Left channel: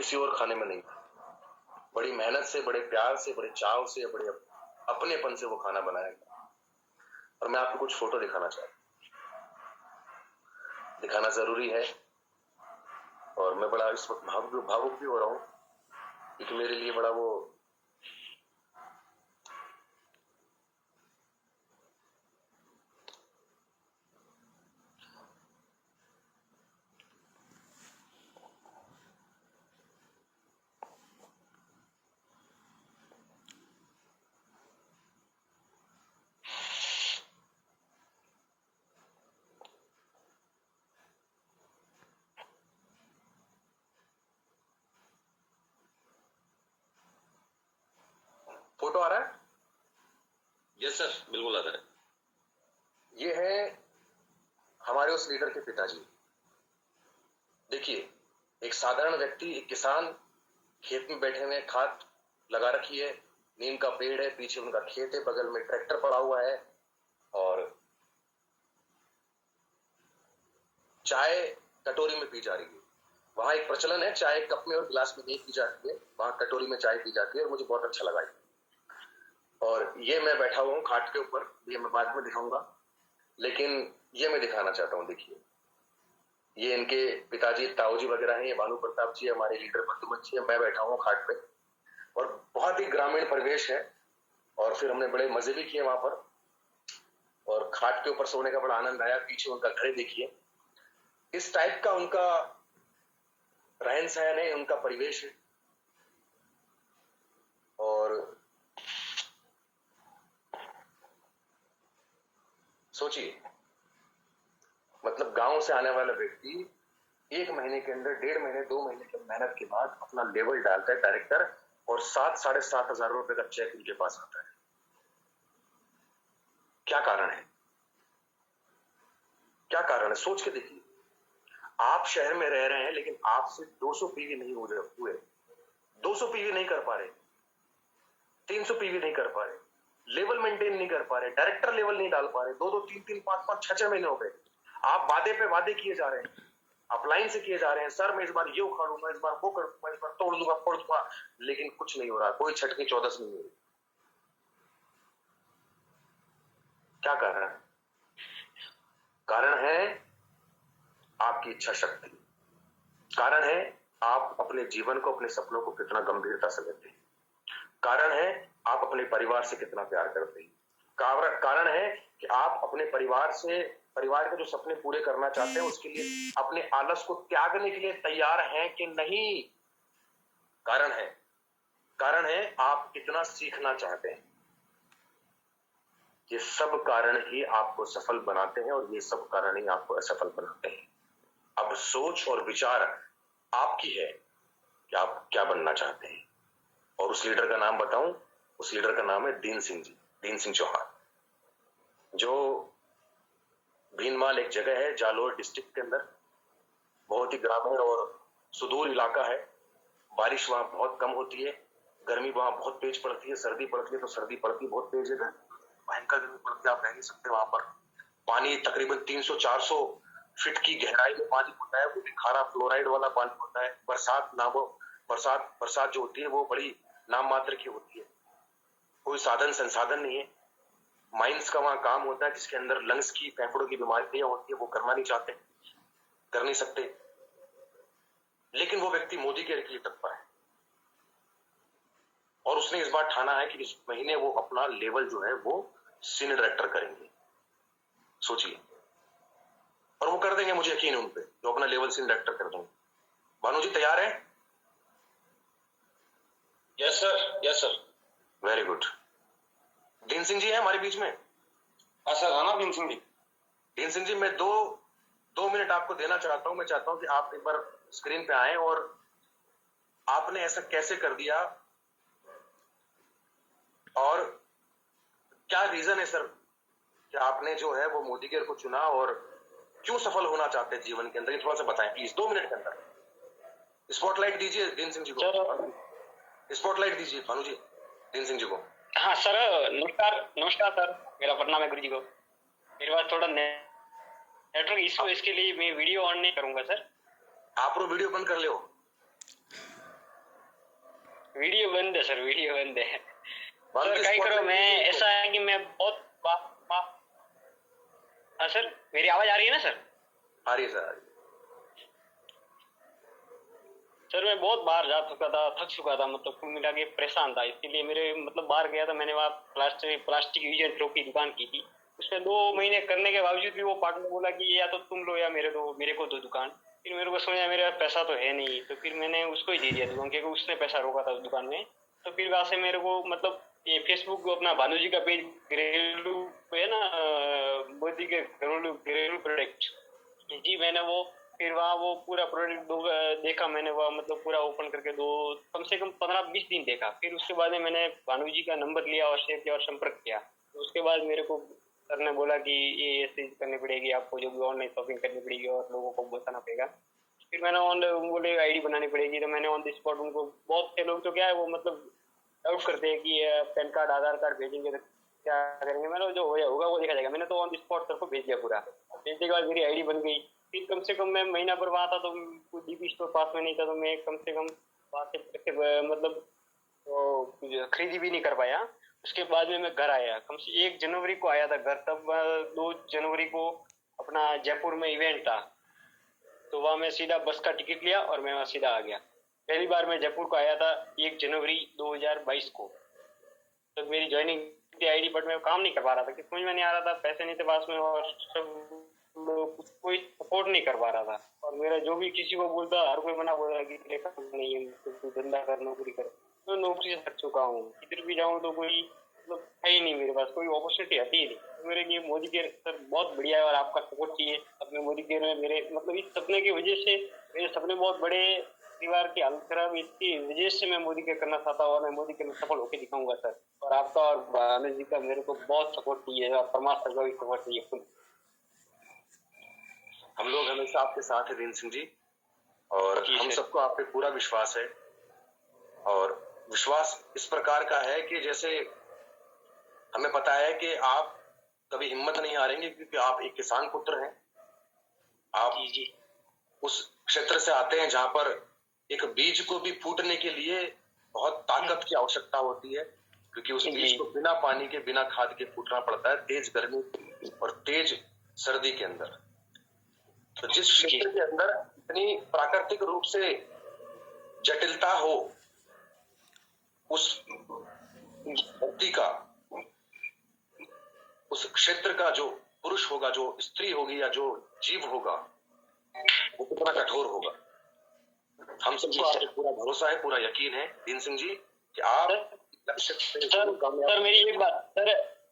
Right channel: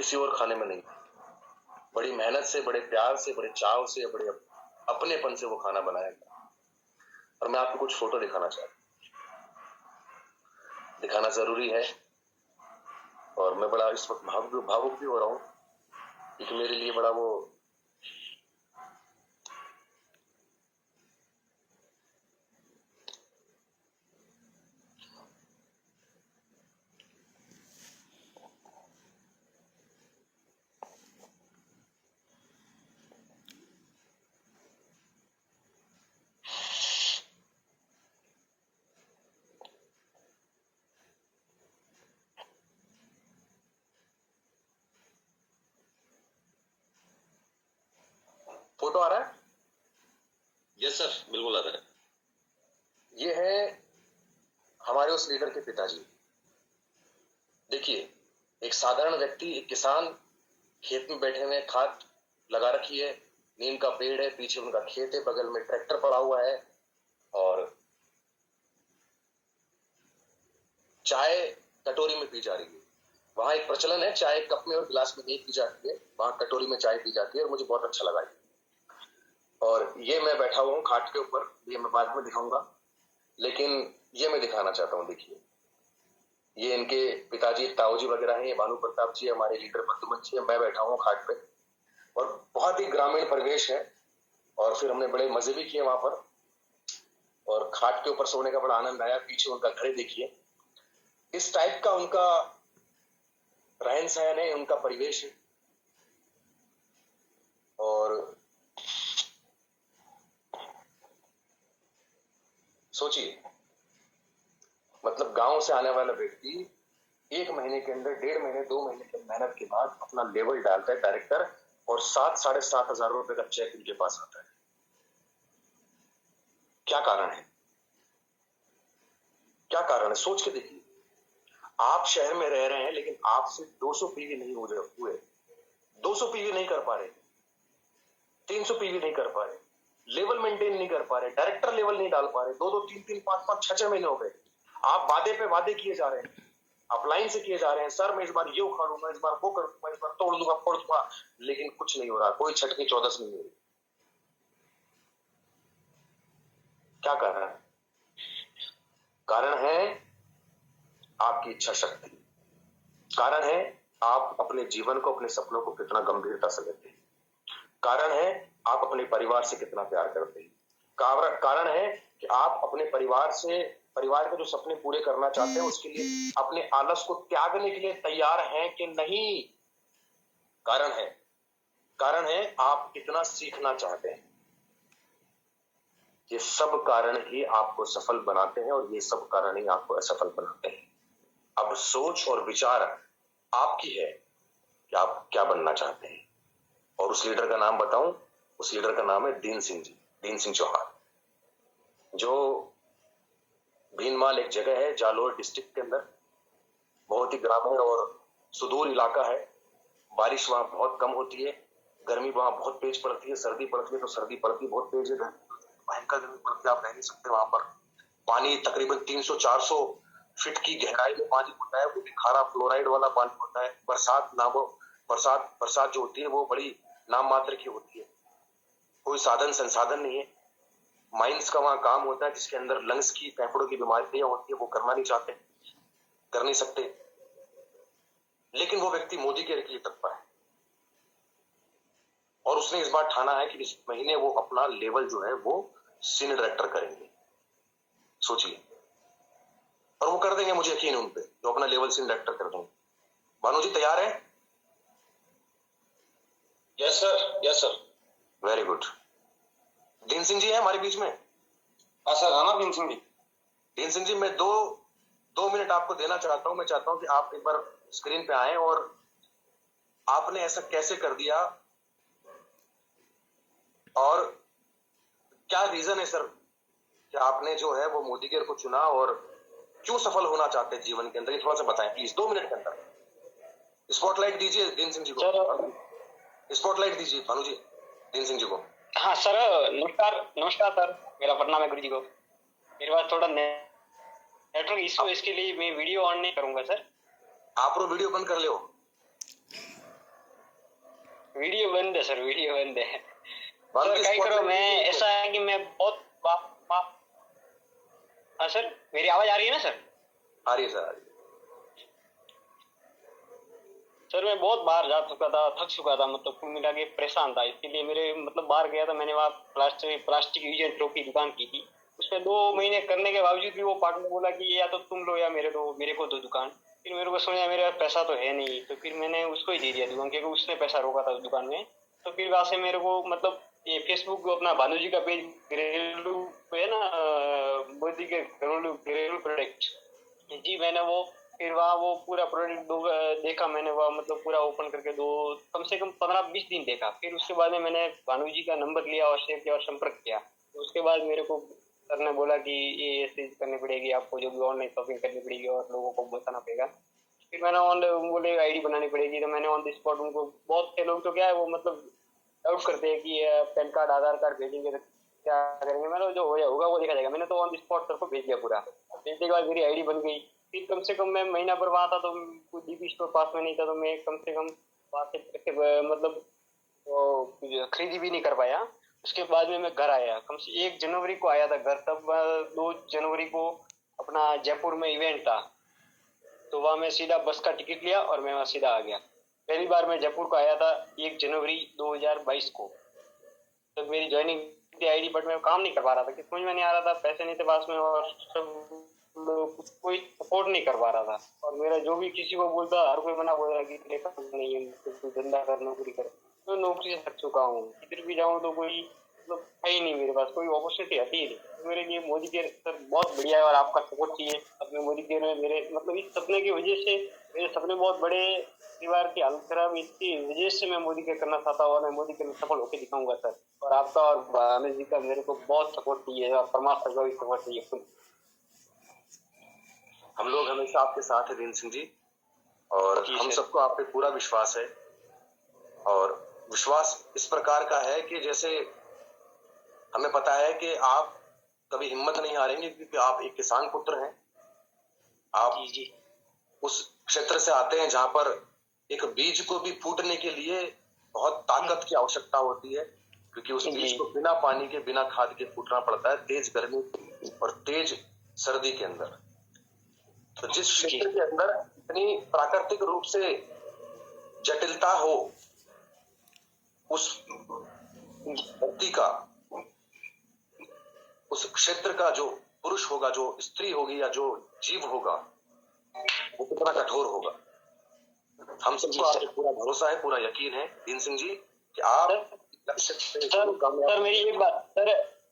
किसी और खाने में नहीं। बड़ी मेहनत से, बड़े प्यार से, बड़े चाव से, बड़े अपनेपन से वो खाना बनाया गया। और मैं आपको कुछ फोटो दिखाना चाहता हूं, दिखाना जरूरी है। और मैं बड़ा इस वक्त भावुक भी हो रहा हूं, क्योंकि मेरे लिए बड़ा वो फोटो आ रहा है। यस सर, बिल्कुल आ रहा है। ये है हमारे उस लीडर के पिताजी। देखिए, एक साधारण व्यक्ति, एक किसान, खेत में बैठे हुए, खाद लगा रखी है, नीम का पेड़ है, पीछे उनका खेत है, बगल में ट्रैक्टर पड़ा हुआ है, और चाय कटोरी में पी जा रही है। वहां एक प्रचलन है, चाय कप में और गिलास में नहीं पी जाती है, वहां कटोरी में चाय पी जाती है, और मुझे बहुत अच्छा लगा। और ये मैं बैठा हुआ हूँ खाट के ऊपर, ये मैं बाद में दिखाऊंगा, लेकिन ये मैं दिखाना चाहता हूँ। देखिए, ये इनके पिताजी ताऊजी वगैरह हैं, ये भानु प्रताप जी, हमारे लीडर बद्दुमन जी, मैं बैठा हूँ खाट पे, और बहुत ही ग्रामीण परिवेश है। और फिर हमने बड़े मजे भी किए वहां पर, और खाट के ऊपर सोने का बड़ा आनंद आया। पीछे उनका घर देखिए, इस टाइप का उनका रहन सहन है, उनका परिवेश है। और सोचिए, मतलब गांव से आने वाला व्यक्ति 1 महीने के अंदर, 1.5 महीने, 2 महीने की मेहनत के बाद अपना लेवल डालता है डायरेक्टर, और 7-7,500 रुपए का चेक इनके पास आता है। क्या कारण है? क्या कारण है? सोच के देखिए। आप शहर में रह रहे हैं, लेकिन आपसे 200 पीवी नहीं हो हुए, 200 पीवी नहीं कर पा रहे, 300 पीवी नहीं कर पा रहे, लेवल मेंटेन नहीं कर पा रहे, डायरेक्टर लेवल नहीं डाल पा रहे, 2-2, 3-3, 5-5, 6-6 महीने हो गए। आप वादे पे वादे किए जा रहे हैं, अपलाइन से किए जा रहे हैं, सर मैं इस बार ये उखाड़ूंगा, इस बार वो कर दूंगा, इस बार तोड़ दूंगा, फोड़ दूंगा, लेकिन कुछ नहीं हो रहा, कोई छटकी चौदस नहीं हो रही। क्या कारण है? कारण है आपकी इच्छा शक्ति। कारण है आप अपने जीवन को, अपने सपनों को कितना गंभीरता से लेते हैं। कारण है आप अपने परिवार से कितना प्यार करते हैं। कारण है कि आप अपने परिवार के जो सपने पूरे करना चाहते हैं, उसके लिए अपने आलस को त्यागने के लिए तैयार हैं कि नहीं। कारण है आप कितना सीखना चाहते हैं। ये सब कारण ही आपको सफल बनाते हैं, और ये सब कारण ही आपको असफल बनाते हैं। अब सोच और विचार आपकी है कि आप क्या बनना चाहते हैं। और उस लीडर का नाम बताऊं, उस लीडर का नाम है दीन सिंह जी, दीन सिंह चौहान, जो भीनमाल एक जगह है जालोर डिस्ट्रिक्ट के अंदर, बहुत ही ग्रामीण और सुदूर इलाका है। बारिश वहां बहुत कम होती है, गर्मी वहां बहुत तेज पड़ती है, सर्दी पड़ती है तो सर्दी पड़ती बहुत तेज है, भयंकर गर्मी पड़ती है, आप रह नहीं सकते वहां पर। पानी तकरीबन 300-400 फीट की गहराई में पानी होता है, वो भी खारा फ्लोराइड वाला पानी होता है। बरसात जो होती है वो बड़ी नाम मात्र की होती है, कोई साधन संसाधन नहीं है। माइंस का वहां काम होता है, जिसके अंदर लंग्स की, फेफड़ों की बीमारियां होती है, वो करना नहीं चाहते, कर नहीं सकते, लेकिन वो व्यक्ति मोदी के लिए तत्पर है। और उसने इस बार ठाना है कि इस महीने वो अपना लेवल जो है वो सीनियर डायरेक्टर करेंगे। सोचिए, और वो कर देंगे, मुझे यकीन है उन पे, जो अपना लेवल सीनियर डायरेक्टर कर देंगे। भानु जी तैयार है? Yes sir, yes sir. Very good. दीन सिंह जी है हमारे बीच में? हाँ सर, हाँ ना दीन सिंह जी। दीन सिंह जी, मैं दो मिनट आपको देना चाहता हूं। मैं चाहता हूं कि आप एक बार स्क्रीन पे आए, और आपने ऐसा कैसे कर दिया, और क्या रीजन है सर कि आपने जो है वो मोदी केयर को चुना, और क्यों सफल होना चाहते हैं जीवन के अंदर, ये थोड़ा सा बताएं प्लीज, 2 मिनट के अंदर। स्पॉटलाइट दीजिए दीन सिंह जी को, स्पॉटलाइट दीजिए भानु जी दीन सिंह जी को। हाँ सर, नमस्कार नमस्कार सर, मेरा प्रणाम है गुरु जी को। मेरे पास थोड़ा नेटवर्क इशू है, इसके लिए मैं वीडियो ऑन नहीं करूंगा सर। आप वीडियो बंद कर लो। वीडियो बंद है सर, वीडियो बंद है On सर। the क्या spot करो, में मैं वीडियो ऐसा है कि मैं बहुत हाँ सर, मेरी आवाज आ रही है ना सर? आ रही है सर, आ रही है। सर मैं बहुत बाहर जा चुका था, थक चुका था, मतलब कुल मिला के परेशान था। इसके लिए मेरे मतलब बाहर गया था, मैंने वहाँ प्लास्टिक यूज एंड थ्रो की दुकान की थी। उसमें 2 महीने करने के बावजूद भी वो पार्टनर बोला कि या तो तुम लो या मेरे को दो दुकान। फिर मेरे को समझा मेरे पास पैसा तो है नहीं, तो फिर मैंने उसको ही दे दिया दुकान, क्योंकि उसने पैसा रोका था उस दुकान में। तो फिर वहाँ से मेरे को मतलब ये फेसबुक अपना भानु जी का पेज घरेलू है ना, मोदी के घरेलू घरेलू प्रोडक्ट जी, मैंने वो फिर वहाँ वो पूरा प्रोडक्ट देखा मैंने, वह मतलब पूरा ओपन करके कम से कम 15-20 दिन देखा। फिर उसके बाद में मैंने भानु जी का नंबर लिया और शेयर किया और संपर्क किया। तो उसके बाद मेरे को सर ने बोला कि ये चीज करनी पड़ेगी आपको, जो भी ऑनलाइन शॉपिंग करनी पड़ेगी और लोगों को बताना पड़ेगा। फिर मैंने ऑनलाइन बोले आईडी बनानी पड़ेगी, तो मैंने ऑन द स्पॉट उनको, बहुत से लोग तो क्या है वो मतलब डाउट करते हैं कि पैन कार्ड आधार कार्ड भेजेंगे तो क्या करेंगे। मैंने जो होगा वो देखा जाएगा। मैंने तो ऑन द स्पॉट सर को भेज दिया पूरा। भेजने के बाद मेरी आईडी बन गई। फिर कम से कम मैं महीना भर वहाँ था, तो डीपी स्टोर पास में नहीं था, तो मैं कम से कम वहाँ से मतलब खरीदी भी नहीं कर पाया। उसके बाद में मैं घर आया, कम से 1 जनवरी को आया था घर। तब 2 जनवरी को अपना जयपुर में इवेंट था, तो वहाँ मैं सीधा बस का टिकट लिया और मैं वहाँ सीधा आ गया। पहली बार मैं जयपुर को आया था 1 जनवरी 2022 को। तो मेरी ज्वाइनिंग थी आईडी, बट मैं काम नहीं कर पा रहा था, समझ में नहीं आ रहा था, पैसे नहीं थे पास में और सब लोग कोई सपोर्ट नहीं कर पा रहा था। और मेरा जो भी किसी को बोलता हर कोई मना बोल रहा कि तेरे पास नहीं है, तू धंधा कर, नौकरी कर। तो नौकरी से थक चुका हूँ, किधर भी जाऊँ तो कोई मतलब है ही नहीं, मेरे पास कोई अपॉर्चुनिटी आती ही नहीं। तो मेरे लिए मोदी केयर सर बहुत बढ़िया है और आपका सपोर्ट चाहिए। अपने मोदी केयर में मेरे मतलब इस सपने की वजह से, मेरे सपने बहुत बड़े, परिवार की हालत खराब, इसकी वजह से मैं मोदी केयर करना चाहता हूँ और मैं मोदी केयर में सफल होकर दिखाऊंगा सर। और आपका और भानु जी का मेरे को बहुत सपोर्ट चाहिए और परमात्मा का भी सपोर्ट चाहिए। हम लोग हमेशा आपके साथ हैं दीन सिंह जी, और हम सबको आप पे पूरा विश्वास है। और विश्वास इस प्रकार का है कि जैसे हमें पता है कि आप कभी हिम्मत नहीं हारेंगे, क्योंकि आप एक किसान पुत्र हैं। आप उस क्षेत्र से आते हैं जहां पर एक बीज को भी फूटने के लिए बहुत ताकत की आवश्यकता होती है, क्योंकि उस बीज को बिना पानी के, बिना खाद के फूटना पड़ता है, तेज गर्मी और तेज सर्दी के अंदर। तो जिस क्षेत्र के अंदर इतनी प्राकृतिक रूप से जटिलता हो, उस धरती का, उस क्षेत्र का जो पुरुष होगा, जो स्त्री होगी या जो जीव होगा, वो कितना कठोर होगा। हम सबको आप पे पूरा भरोसा है, पूरा यकीन है दीन सिंह जी कि आप लक्ष्य से सर मेरी एक बात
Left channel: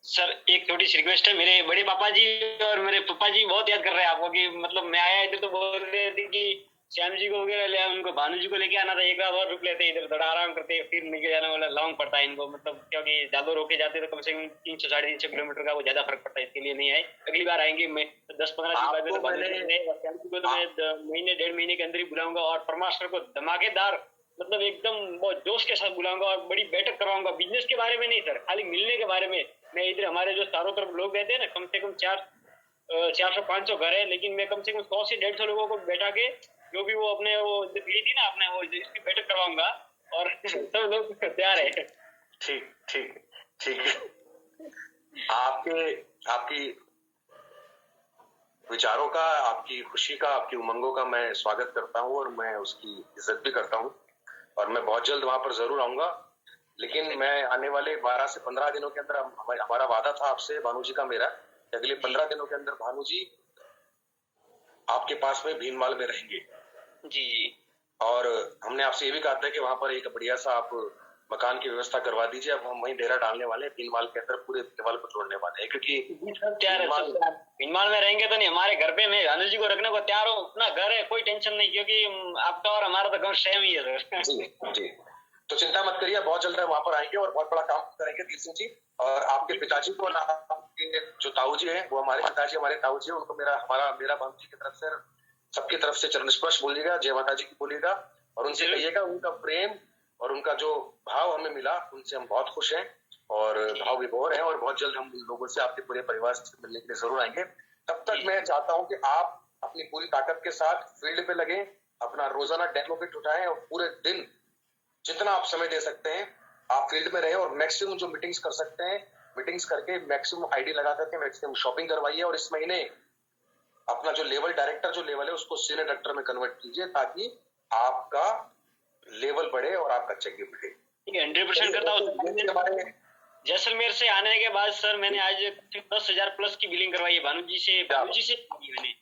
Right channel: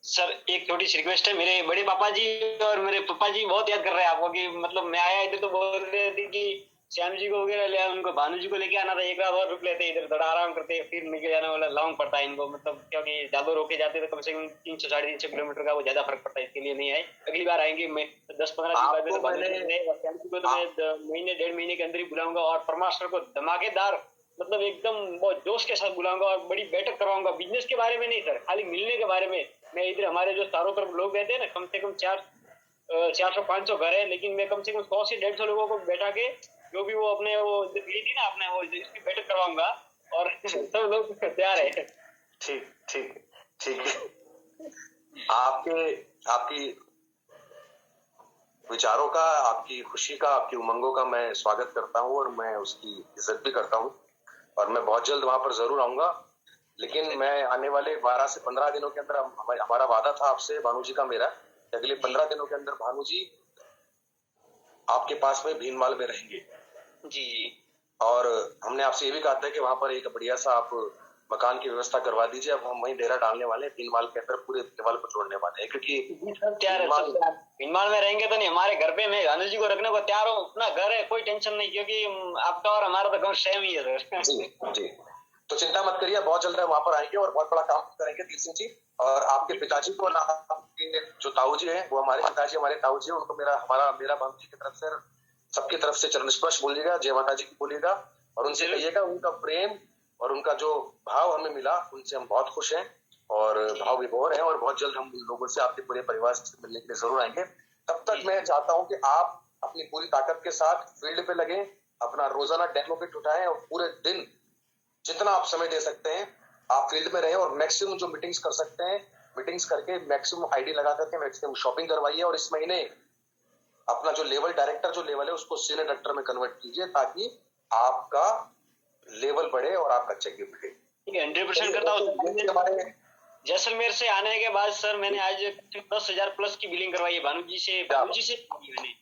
सर एक छोटी सी रिक्वेस्ट है। मेरे बड़े पापा जी और मेरे पापा जी बहुत याद कर रहे हैं आपको, कि मतलब मैं आया इधर तो बोल रहे थे कि श्याम जी को वगैरह ले, उनको भानु जी को लेके आना था, एक रात और रुक लेते, इधर थोड़ा आराम करते, फिर लेके जाने वाला लॉन्ग पड़ता है इनको, मतलब क्योंकि ज्यादा रोके जाते तो कम से कम 300-350 किलोमीटर का वो ज्यादा फर्क पड़ता है। इसके लिए नहीं आए, अगली बार आएंगे। मैं 10-15 दिन बाद में भानु जी को तो मैं महीने 1.5 महीने के अंदर ही बुलाऊंगा और परमात्मा को धमाकेदार मतलब एकदम बहुत जोश के साथ बुलाऊंगा और बड़ी बैठक करवाऊंगा। बिजनेस के बारे में नहीं सर, खाली मिलने के बारे में। मैं इधर हमारे जो चारों तरफ लोग रहते हैं ना, कम से कम 400-500 घर है, लेकिन मैं कम से कम 100 से 150 लोगों को बैठा के, जो भी वो अपने वो ली थी ना आपने, वो इसकी बैठक करवाऊंगा और सब लोग तैयार है। ठीक ठीक ठीक आपकी विचारों का, आपकी खुशी का, आपकी उमंगों का मैं स्वागत करता हूं और मैं उसकी इज्जत भी करता हूं, और मैं बहुत जल्द वहां पर जरूर आऊंगा। लेकिन मैं आने वाले 12 से 15 दिनों के अंदर, हमारा वादा था आपसे भानु जी का मेरा, अगले 15 दिनों के अंदर भानु जी आपके पास में भीनमाल में रहेंगे जी। और हमने आपसे ये भी कहा था कि वहां पर एक बढ़िया सा आप मकान की व्यवस्था करवा दीजिए। अब हम वहीं डेरा डालने वाले हैं, भीनमाल के अंदर पूरे लेवल को जोड़ने वाले हैं, क्योंकि भीनमाल में रहेंगे तो नहीं, हमारे घर पे मैं भानु जी को रखने को तैयार हूँ, अपना घर है, कोई टेंशन नहीं, क्योंकि आपका और हमारा तो गाँव सेम ही है सर। जी जी, तो चिंता मत करिए, बहुत जल्द वहां पर आएंगे और बहुत बड़ा काम करेंगे दीन सिंह जी। और आपके पिताजी को ना, आपके जो ताऊ जी हैं, वो हमारे पिताजी, हमारे ताऊ जी, उनको मेरा भानु जी की तरफ से, सबकी तरफ से चरण स्पर्श बोलिएगा, जय माता जी की बोलिएगा, और उनसे कहिएगा उनका प्रेम और उनका जो भाव हमें मिला, उनसे हम बहुत खुश हैं और भाव विभोर हैं, और बहुत जल्द हम लोगों से, आपके पूरे परिवार से मिलने के लिए जरूर आएंगे। तब तक मैं चाहता हूँ कि आप अपनी पूरी ताकत के साथ फील्ड पे लगे, अपना रोजाना डेमो किट उठाएं और पूरे दिन जितना आप समय दे सकते हैं आप फील्ड में रहे और मैक्सिमम जो मीटिंग्स कर सकते हैं मीटिंग्स करके मैक्सिमम आईडी लगा करके मैक्सिमम शॉपिंग करवाइए और इस महीने अपना जो लेवल डायरेक्टर जो लेवल है उसको सीनियर डायरेक्टर में कन्वर्ट कीजिए ताकि आपका लेवल बढ़े और आपका चेक भी बढ़े। 100% करता हूँ। जैसलमेर से आने के बाद सर मैंने आज 10,000 प्लस की बिलिंग करवाई है भानुजी से मैंने।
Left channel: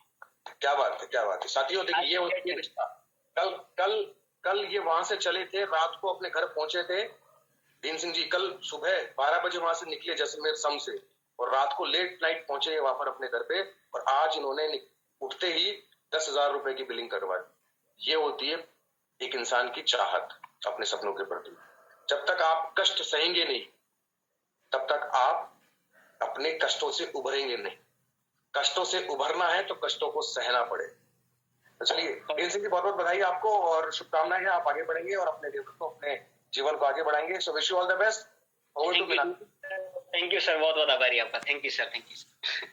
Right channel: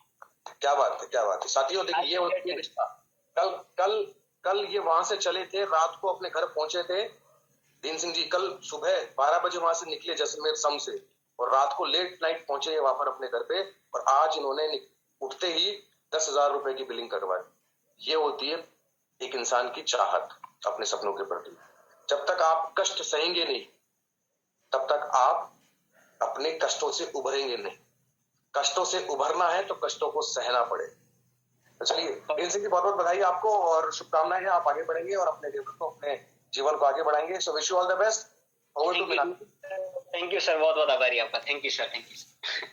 क्या बात है साथियों। देखिए ये कल ये वहां से चले थे, रात को अपने घर पहुंचे थे दीन सिंह जी। कल सुबह 12 बजे वहां से निकले जैसलमेर सम से और रात को लेट नाइट पहुंचे वहां पर अपने घर पे और आज इन्होंने उठते ही 10,000 रुपए की बिलिंग करवाई। ये होती है एक इंसान की चाहत अपने सपनों के प्रति। जब तक आप कष्ट सहेंगे नहीं तब तक आप अपने कष्टों से उभरेंगे नहीं। कष्टों से उभरना है तो कष्टों को सहना पड़े। चलिए दीन सिंह जी बहुत बहुत बधाई आपको और शुभकामनाएं हैं, आप आगे बढ़ेंगे और अपने लेवल को अपने जीवन को आगे बढ़ाएंगे। So wish you all the best. Thank you sir, बहुत बहुत आभारी आपका। Thank you sir, thank you.